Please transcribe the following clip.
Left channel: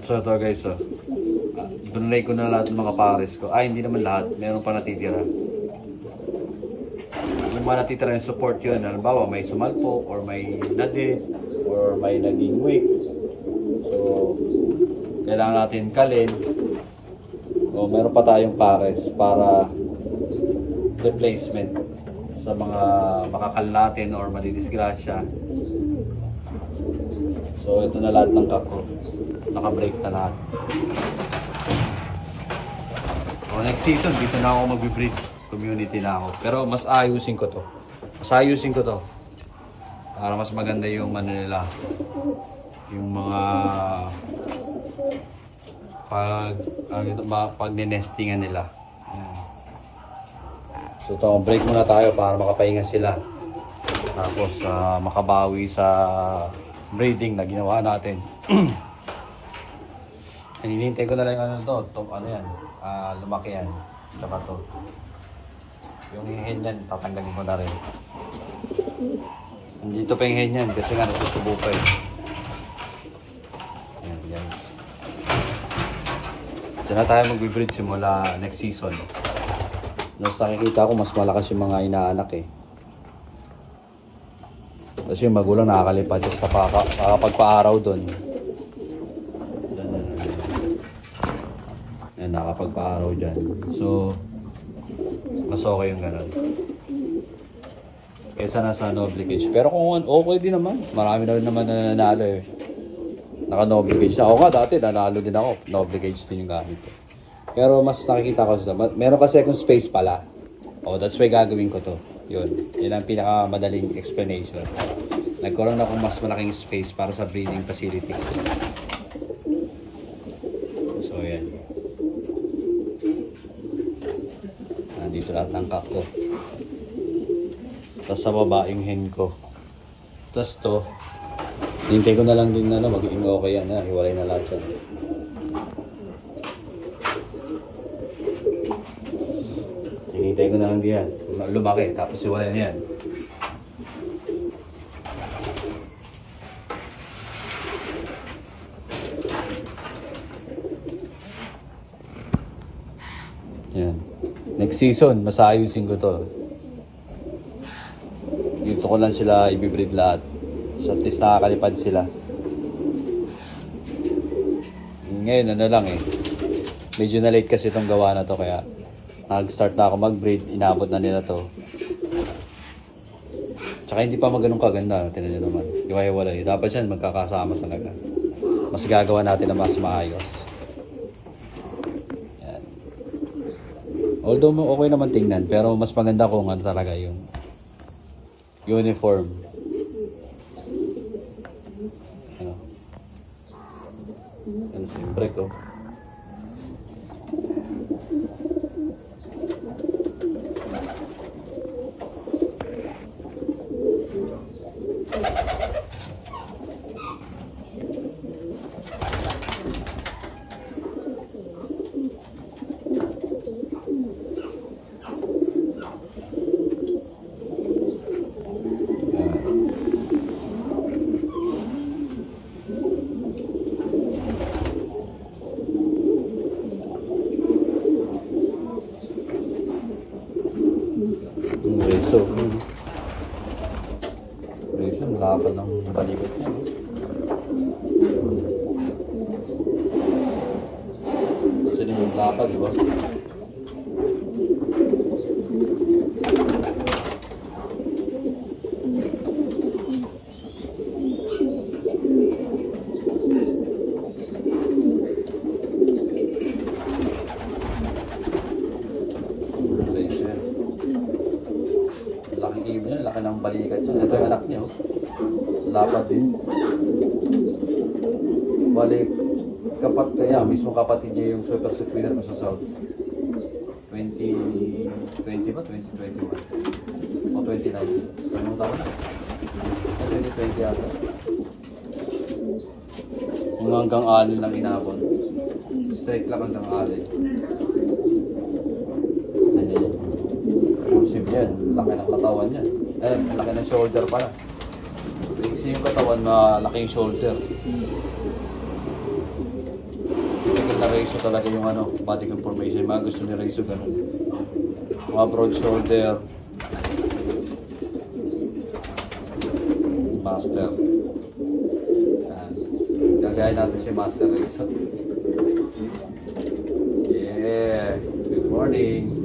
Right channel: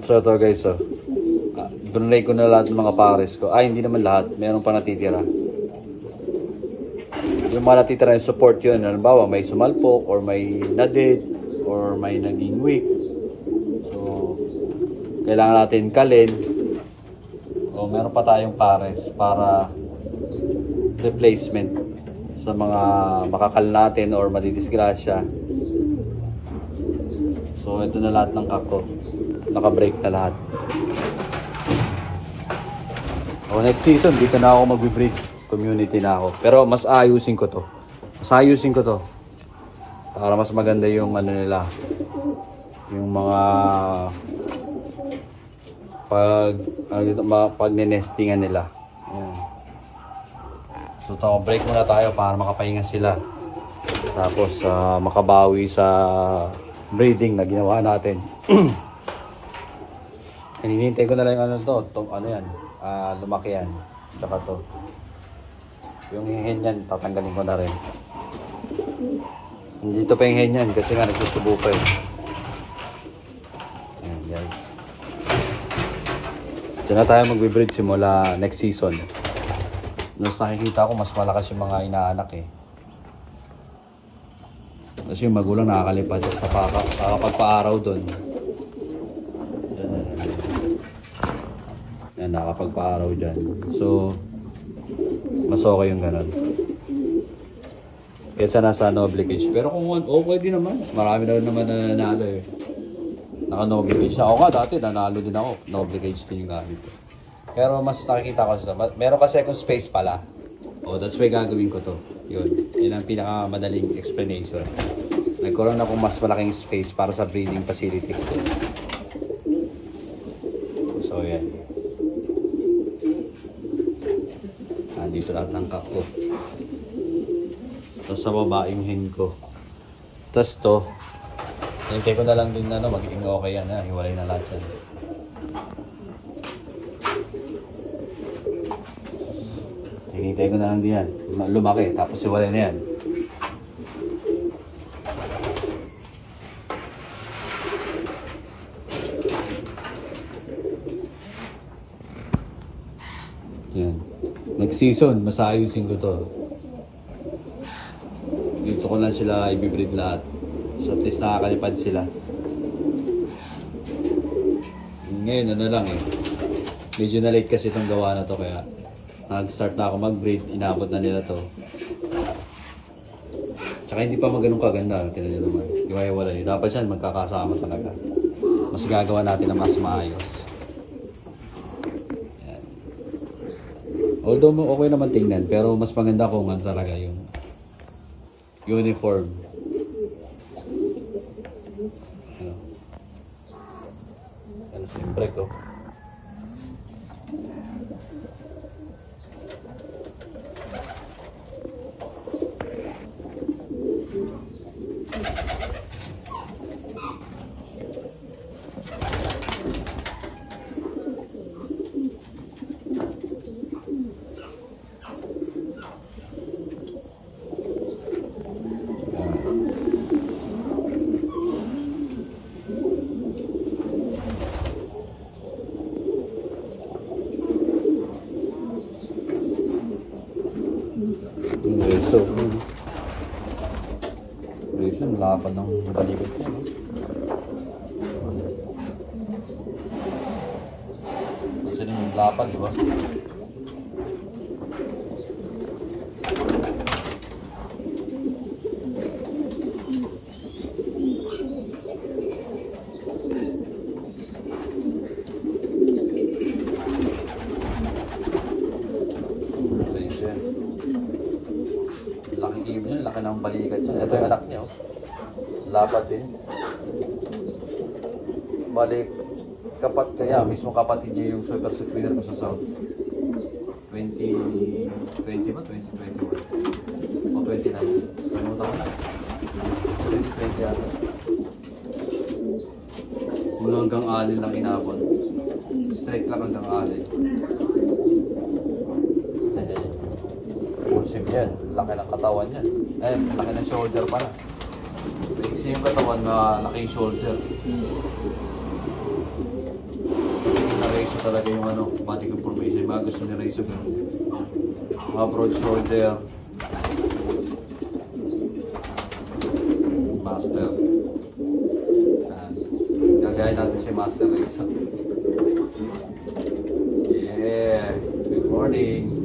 So ito guys, dunlay ko na lahat ng mga pares ko. Ay, hindi naman lahat. Meron pa natitira. Yung mga natitira yung support yun. Halimbawa, may sumalpok or may nadate or may naging weak. So, kailangan natin kalin. So, meron pa tayong pares para replacement sa mga makakal natin or madidisgrasya. So, ito na lahat ng cup ko. Naka-break na lahat. So, next season, dito na ako mag-breed. Community na ako. Pero mas ayusin ko to. Para mas maganda yung ano nila. Yung mga pag-nestingan nila. So, ito, break muna tayo para makapahinga sila. Tapos, makabawi sa breeding na ginawa natin. Hinihintay ko na lang ano to. Itong ano yan. Lumaki yan. Saka to. Yung hen yan, tatanggalin ko na rin. Dito pa yung hen yan kasi nga nagsusubo pa yun. Ayan guys. Ito na tayo mag-breed simula next season. Mas nakikita ko mas malakas yung mga inaanak eh. Kasi yung magulang nakakalipad. Tapos nakakapagpa-araw doon. Yan, nakakapagpa-araw dyan. So, mas okay yung gano'n. Kesa nasa noble cage. Pero kung okay din naman. Marami na rin naman na nanalo eh. Naka noble cage na. Ako nga dati nanalo din ako. Noble cage din yung gamit ko. Pero mas nakikita ko sa... Meron kasi akong space pala. Oh, that's why gagawin ko to. Yun. Yun ang pinakamadaling explanation. Nagkaroon ako mas malaking space para sa breeding facilities ko. So, yan. Dito lahat ng cup ko. Tapos sa baba yung hen ko. Tapos to, hintay ko na lang din na magiging okay yan. Hiwalay na lahat yan. Hintay ko na lang din yan. Lumaki. Tapos hiwalay na yan. Yan. Next season, masayusin ko to. Dito ko lang sila i-breed lahat. So at least nakakalipad sila. Ngayon, ano lang eh. Medyo na late kasi itong gawa na to. Kaya nag-start na ako mag-breed. Inabot na nila to. Tsaka hindi pa ganun kaganda. Tinan nyo naman. Iwaiwalay. Dapat yan magkakasama talaga. Mas gagawa natin na mas maayos. Although okay naman tingnan, pero mas maganda kung ano talaga yung uniform. Ano? Ano si break oh. So, operation, laban ng balikat niya. Kasi yung lapad, diba? Lapad din. Balik kapag mismo kapatid niya yung super secret sa South 2020 ba? 2020 o 29? Ano taon na? 2020 yata. Yung hanggang alin lang inabot. Straight lang hanggang alin. Pusip yan. Laki ng katawan niya. Ayan, laki ng shoulder pa. Iksi yung katawan na laki yung shoulder. talaga yung ano, body information. Mga gusto nyo rin yung ganun. Mga broad shoulder. Master. Gagayin natin si Master isa. Yeah. Good morning.